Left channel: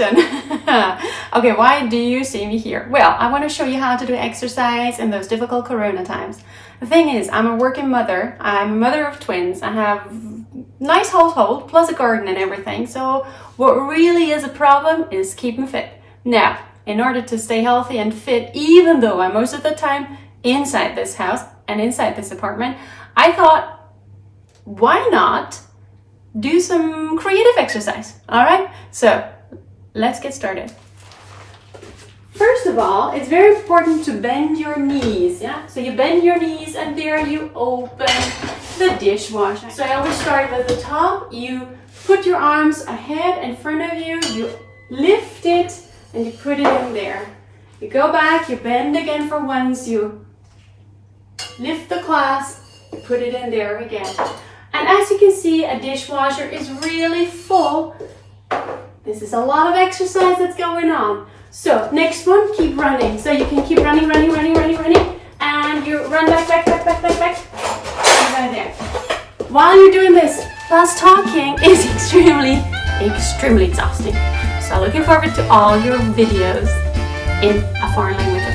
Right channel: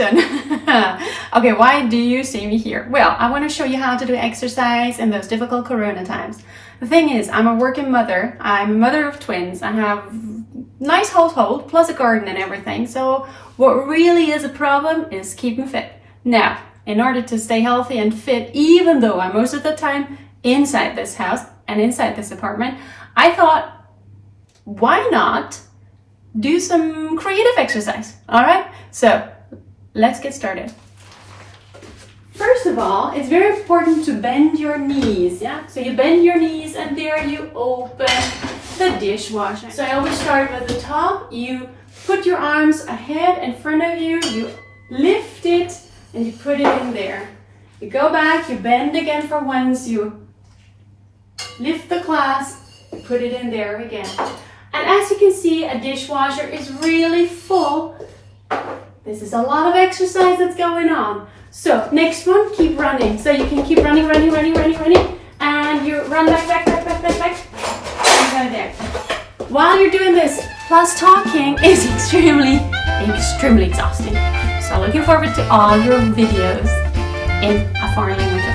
question. Okay, why do you see me here? Well, I want to show you how to do exercise in those difficult corona times. The thing is, I'm a working mother. I'm a mother of twins. I have nice household, plus a garden and everything. So what really is a problem is keeping fit. Now, in order to stay healthy and fit, even though I'm most of the time inside this house and inside this apartment, I thought, why not do some creative exercise? All right, so let's get started. First of all, it's very important to bend your knees, yeah? So you bend your knees and there you open the dishwasher. So I always start with the top. You put your arms ahead in front of you, you lift it and you put it in there. You go back, you bend again for once, you lift the clasp, you put it in there again. And as you can see, a dishwasher is really full. This is a lot of exercise that's going on. So next one, keep running. So you can keep running, and you run back. And right there. While you're doing this, plus talking is extremely exhausting. So looking forward to all your videos in a foreign language.